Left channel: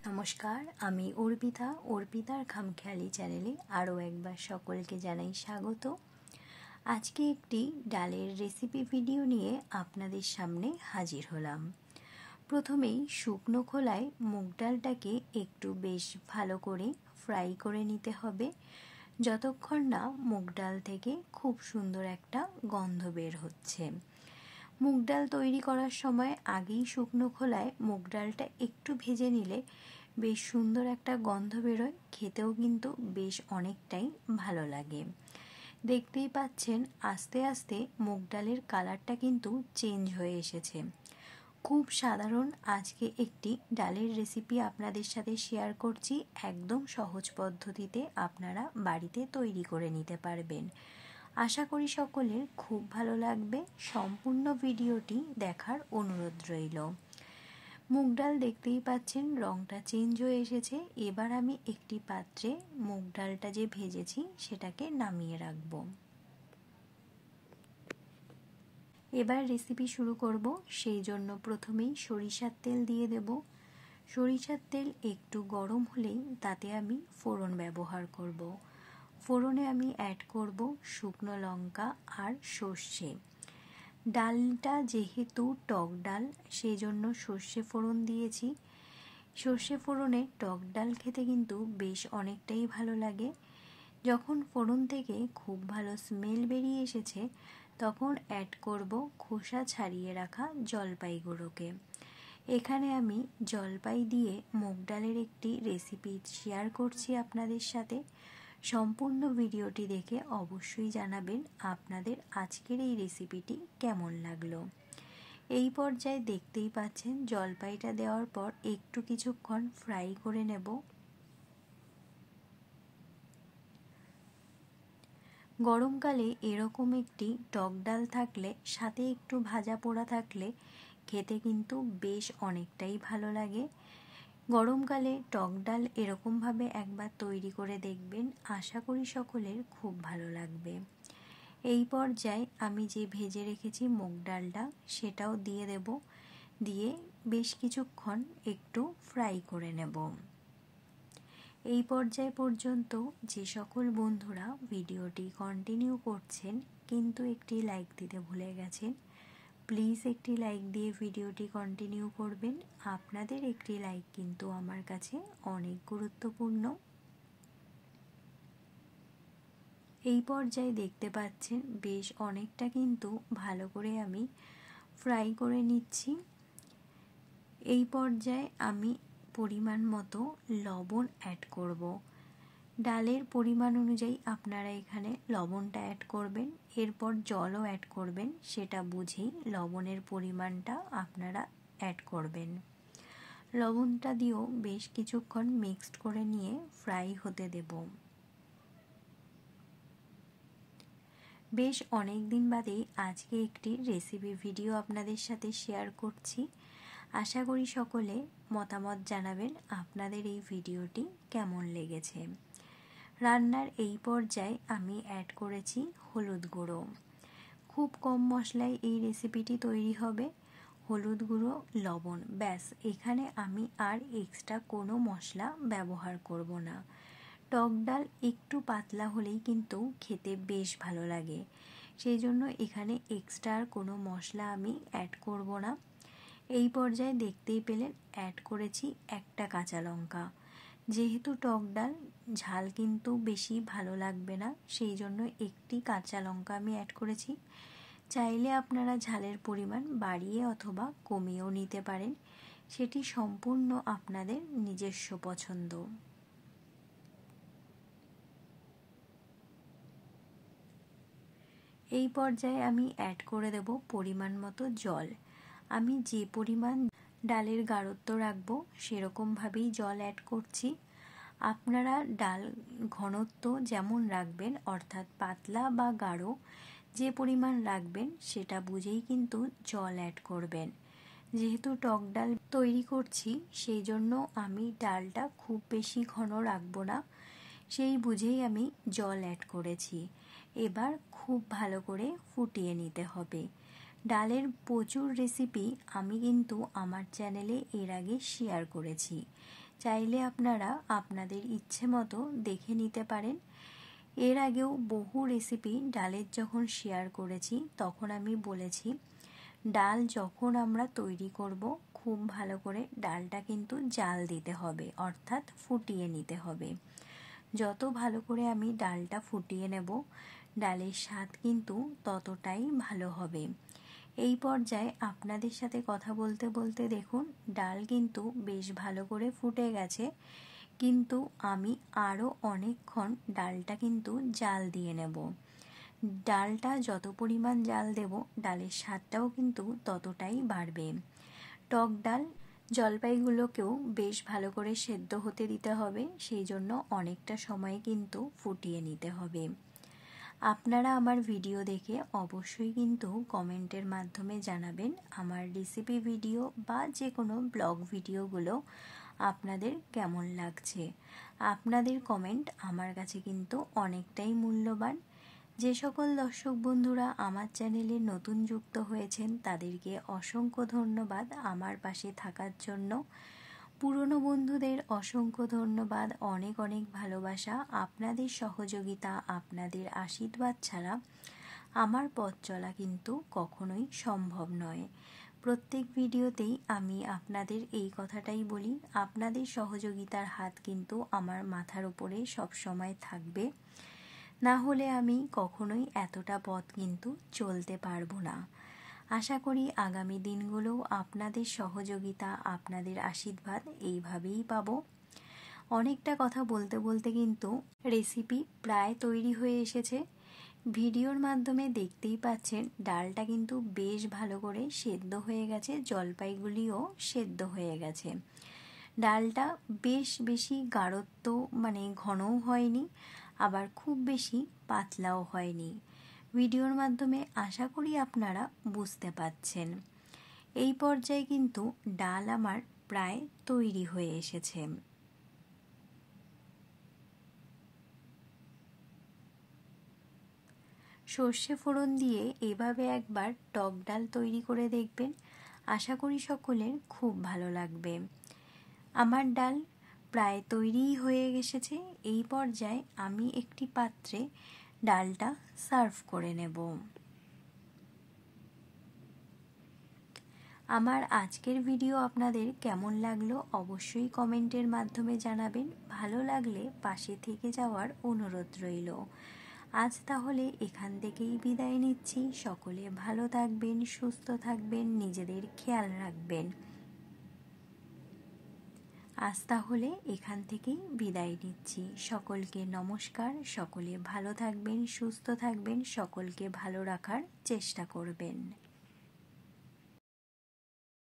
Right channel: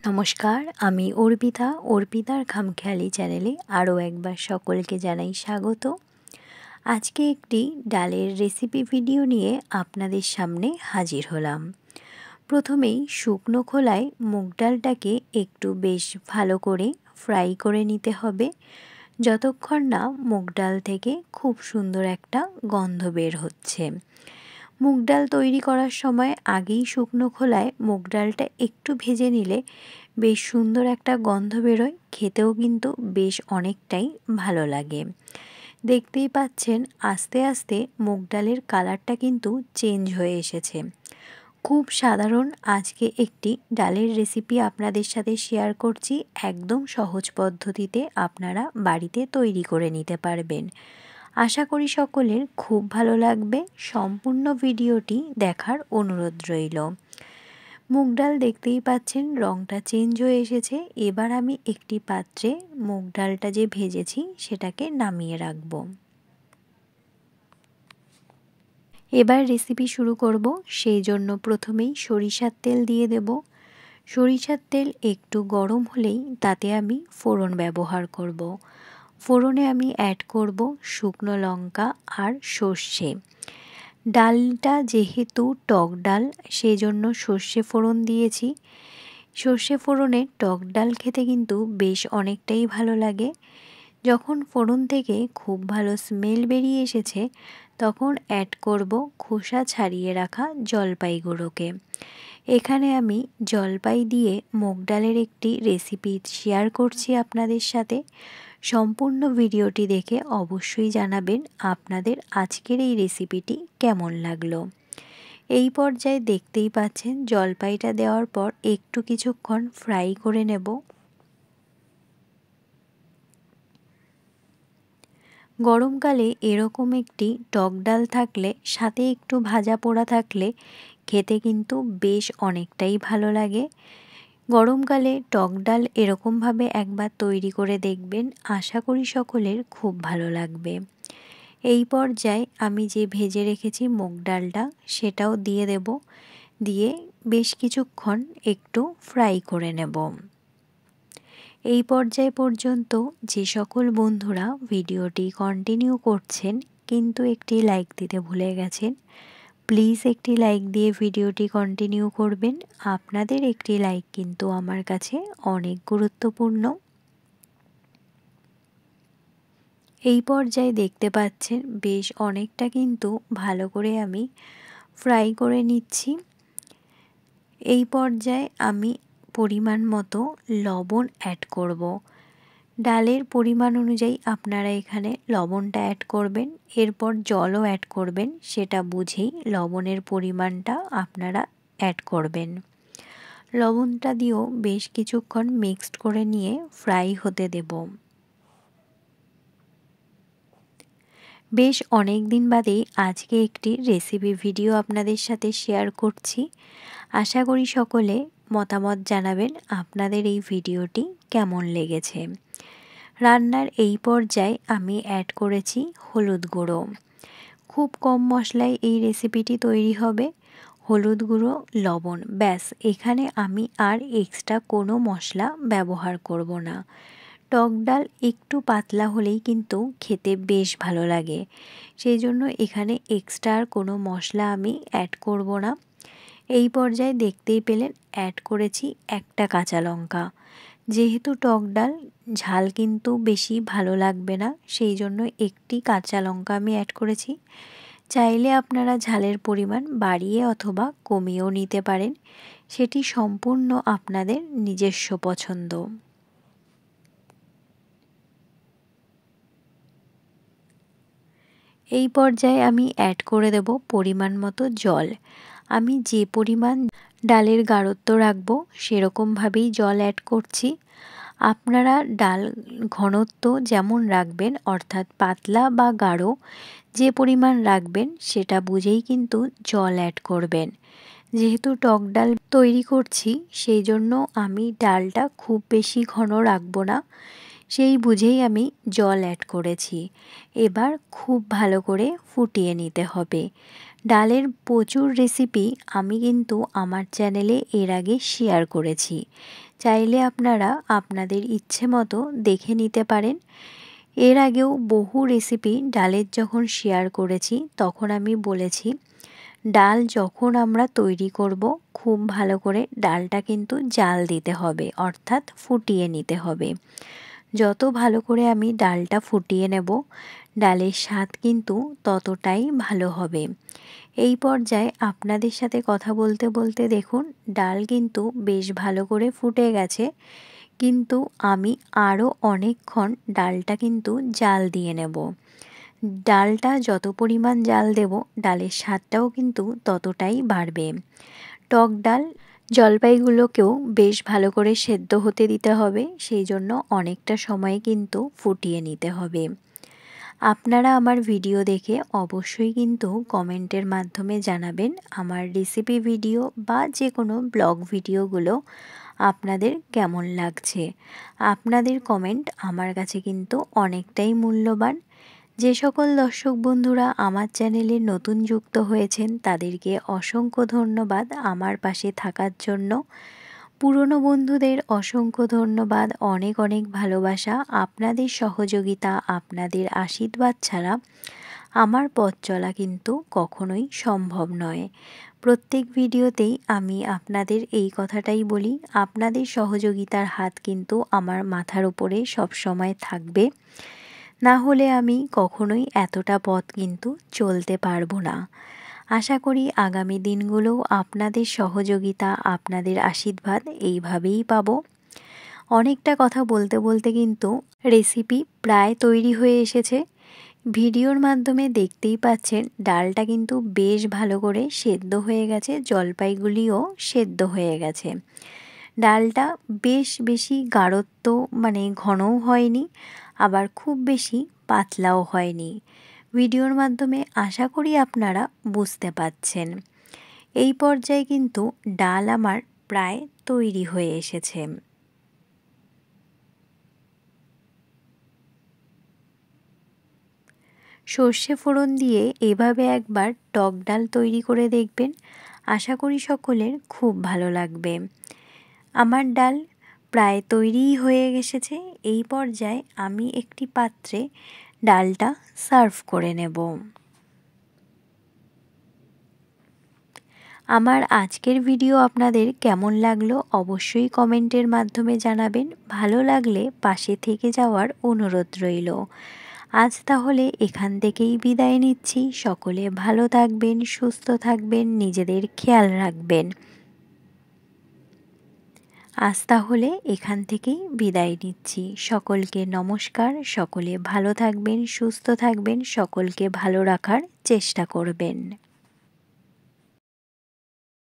নমস্কার, আমি অর্পিতার খামখেয়ালি চ্যানেলে আরও একবার সকলকে জানাই স্বাগত। আজকে একটি ডালের রেসিপি ভিডিও নিয়ে আপনাদের সামনে হাজির হলাম। প্রথমেই শুকনো খোলায় মুগ ডালটাকে একটু বেশ ভালো করে ফ্রাই করে নিতে হবে, যতক্ষণ না মুগ ডাল থেকে খুব সুন্দর একটা গন্ধ বের হচ্ছে। মুগ ডাল তৈরি করার সময় আগেই শুকনো খোলায় মুগ ডালটা একটু ভেজে নিলে বেশ সুন্দর একটা গন্ধ বেরোয়, খেতেও কিন্তু বেশ অনেকটাই ভালো লাগে। দেখতেই পাচ্ছেন আস্তে আস্তে মুগ ডালের কালারটা কিন্তু চেঞ্জ হয়ে এসেছে। খুব সাধারণ আজকে একটি ডালের রেসিপি আপনাদের সাথে শেয়ার করছি, একদম সহজ পদ্ধতিতে আপনারা বাড়িতে তৈরি করে নিতে পারবেন। আশা করি সকলের খুব ভালো লাগবে। সম্পূর্ণ ভিডিওটি দেখার অনুরোধ রইল। মুগ ডাল দেখতেই পাচ্ছেন রঙটা চেঞ্জ হয়ে এসেছে। এবার আমি একটি পাত্রে মুগ ডালটা যে ভেজেছি সেটাকে নামিয়ে রাখব। এবার রেসিপি শুরু করব। সেই জন্য প্রথমেই সরিষার তেল দিয়ে দেব। সরিষার তেল একটু গরম হলেই তাতে আমি ফোড়ন ব্যবহার করব। ফোড়নে আমি অ্যাড করব শুকনো লঙ্কা আর সর্ষে। ডালটা যেহেতু টক ডাল, সেজন্য সর্ষে ফোড়ন দিয়েছি। সর্ষে ফোড়নে টক ডাল খেতে কিন্তু বেশ অনেকটাই ভালো লাগে। যখন ফোড়ন থেকে খুব ভালো স্মেল বেরিয়ে এসেছে, তখন অ্যাড করব খোসা ছাড়িয়ে রাখা জলপাই গুঁড়োকে। এখানে আমি জলপাই দিয়ে মুগ ডালের একটি রেসিপি শেয়ার করছি আপনাদের সাথে। সম্পূর্ণ ভিডিওটি দেখে অবশ্যই জানাবেন আপনাদের আজকের এই রেসিপিটি কেমন লাগলো। এই পর্যায়ে দেখতেই পাচ্ছেন জলপাইটা দেওয়ার পর একটু কিছুক্ষণ ফ্রাই করে নেব। গরমকালে এরকম একটি টক ডাল থাকলে, সাথে একটু ভাজা পোড়া থাকলে খেতে কিন্তু বেশ অনেকটাই ভালো লাগে। গরমকালে টক ডাল এরকমভাবে একবার তৈরি করে দেখবেন, আশা করি সকলের খুব ভালো লাগবে। এই পর্যায়ে আমি যে ভেজে রেখেছি মুগ ডালটা সেটাও দিয়ে দেব, দিয়ে বেশ কিছুক্ষণ একটু ফ্রাই করে নেব। এই পর্যায় পর্যন্ত যে সকল বন্ধুরা ভিডিওটি কন্টিনিউ করছেন কিন্তু একটি লাইক দিতে ভুলে গেছেন, প্লিজ একটি লাইক দিয়ে ভিডিওটি কন্টিনিউ করবেন। আপনাদের একটি লাইক কিন্তু আমার কাছে অনেক গুরুত্বপূর্ণ। এই পর্যায়ে দেখতে পাচ্ছেন বেশ অনেকটা কিন্তু ভালো করে আমি ফ্রাই করে নিচ্ছি। এই পর্যায়ে আমি পরিমাণ মতো লবণ অ্যাড করব। ডালের পরিমাণ অনুযায়ী আপনারা এখানে লবণটা অ্যাড করবেন, এরপর জলও অ্যাড করবেন, সেটা বুঝেই লবণের পরিমাণটা আপনারা অ্যাড করবেন। লবণটা দিয়েও বেশ কিছুক্ষণ মিক্সড করে নিয়ে ফ্রাই হতে দেব। বেশ অনেক দিন বাদেই আজকে একটি রেসিপি ভিডিও আপনাদের সাথে শেয়ার করছি। আশা করি সকলে মতামত জানাবেন আপনাদের এই ভিডিওটি কেমন লেগেছে। রান্নার এই পর্যায়ে আমি অ্যাড করেছি হলুদ গুঁড়ো। খুব কম মশলায় এই রেসিপিটি তৈরি হবে। হলুদ গুঁড়ো, লবণ, ব্যাস, এখানে আমি আর এক্সট্রা কোনো মশলা ব্যবহার করব না। টক ডাল একটু পাতলা হলেই কিন্তু খেতে বেশ ভালো লাগে, সেই জন্য এখানে এক্সট্রা আর কোনো মশলা আমি অ্যাড করব না। এই পর্যায়ে দেখতেই পেলেন অ্যাড করেছি একটা কাঁচা লঙ্কা। যেহেতু টক ডাল, ঝাল কিন্তু বেশি ভালো লাগবে না, সেই জন্য একটি কাঁচা লঙ্কা আমি অ্যাড করেছি। চাইলে আপনারা ঝালের পরিমাণ বাড়িয়ে অথবা কমিয়েও নিতে পারেন, সেটি সম্পূর্ণ আপনাদের নিজস্ব পছন্দ। এই পর্যায়ে আমি অ্যাড করে দেব পরিমাণ মতো জল। আমি যে পরিমাণ ডালের গাঢ়ত্ব রাখবো সেরকমভাবেই জল অ্যাড করছি। আপনারা ডাল ঘনত্ব যেমন রাখবেন, অর্থাৎ পাতলা বা গাঢ় যে পরিমাণ রাখবেন সেটা বুঝেই কিন্তু জল অ্যাড করবেন। যেহেতু টক ডাল তৈরি করছি, সেই জন্য আমি ডালটা খুব বেশি ঘন রাখবো না, সেই বুঝেই আমি জল অ্যাড করেছি। এবার খুব ভালো করে ফুটিয়ে নিতে হবে। ডালের প্রচুর রেসিপি আমি কিন্তু আমার চ্যানেলে এর আগে শেয়ার করেছি, চাইলে আপনারা আপনাদের ইচ্ছে মতো দেখে নিতে পারেন। এর আগেও বহু রেসিপি ডালের যখন শেয়ার করেছি তখন আমি বলেছি ডাল যখন আমরা তৈরি করব খুব ভালো করে ডালটা কিন্তু জাল দিতে হবে, অর্থাৎ ফুটিয়ে নিতে হবে। যত ভালো করে আমি ডালটা ফুটিয়ে নেব ডালের স্বাদ কিন্তু ততটাই ভালো হবে। এই পর্যায়ে আপনাদের সাথে কথা বলতে বলতে দেখুন ডাল কিন্তু বেশ ভালো করে ফুটে গেছে, কিন্তু আমি আরও অনেকক্ষণ ডালটা কিন্তু জাল দিয়ে নেব। ডালটা যত পরিমাণ জাল দেব ডালের স্বাদটাও কিন্তু ততটাই বাড়বে। টক ডাল জলপাইগুলোকেও বেশ ভালো করে সেদ্ধ হতে দিতে হবে, সেই জন্য অনেকটা সময় কিন্তু ফুটিয়ে নিতে হবে। আপনারা আমার ভিডিও দেখে অবশ্যই কিন্তু কমেন্টের মাধ্যমে জানাবেন আমার রেসিপি ভিডিও বা যে কোনো ব্লগ ভিডিওগুলো আপনাদের কেমন লাগছে। আপনাদের কমেন্ট আমার কাছে কিন্তু অনেকটাই মূল্যবান। যে সকল দর্শক বন্ধুরা আমার চ্যানেলে নতুন যুক্ত হয়েছেন তাদেরকে অসংখ্য ধন্যবাদ আমার পাশে থাকার জন্য। পুরনো বন্ধুদের অসংখ্য ধন্যবাদ, অনেক অনেক ভালোবাসা। আপনাদের সহযোগিতা, আপনাদের আশীর্বাদ ছাড়া আমার পথ চলা কিন্তু কখনোই সম্ভব নয়। প্রত্যেক ভিডিওতেই আমি আপনাদের এই কথাটাই বলি, আপনাদের সহযোগিতার হাত কিন্তু আমার মাথার উপরে সবসময় থাকবে, না হলে আমি কখনোই এতটা পথ কিন্তু চলতে পারবো না। আশা করি আগামী দিনগুলোও আপনাদের সহযোগিতা, আপনাদের আশীর্বাদ এইভাবেই পাবো। অনেকটা কথা বলতে বলতে কিন্তু রেসিপি প্রায় তৈরি হয়ে এসেছে। ভিডিওর মাধ্যমে দেখতেই পাচ্ছেন ডালটা কিন্তু বেশ ভালো করে সেদ্ধ হয়ে গেছে, জলপাইগুলিও সেদ্ধ হয়ে গেছে। ডালটা বেশ বেশি গাঢ়ত্ব মানে ঘনও হয়নি, আবার খুব বেশি পাতলাও হয়নি। ভিডিওর মাধ্যমে আশা করি আপনারা বুঝতে পাচ্ছেন। এই পর্যায়ে কিন্তু ডাল আমার প্রায় তৈরি হয়ে এসেছে। সর্ষে ফোড়ন দিয়ে এভাবে একবার টক ডাল তৈরি করে দেখবেন, আশা করি সকলের খুব ভালো লাগবে। আমার ডাল প্রায় তৈরিই হয়ে এসেছে। এই পর্যায়ে আমি একটি পাত্রে ডালটা সার্ভ করে নেব। আমার আজকের ভিডিও আপনাদের কেমন লাগলো অবশ্যই কমেন্টের মাধ্যমে জানাবেন। ভালো লাগলে পাশে থেকে যাওয়ার অনুরোধ রইল। আজ তাহলে এখান থেকেই বিদায় নিচ্ছি। সকলে ভালো থাকবেন, সুস্থ থাকবেন, নিজেদের খেয়াল রাখবেন। আজ তাহলে এখান থেকেই বিদায় নিচ্ছি। সকলকে নমস্কার। সকলে ভালো থাকবেন, সুস্থ থাকবেন, সকলকে ভালো রাখার চেষ্টা করবেন।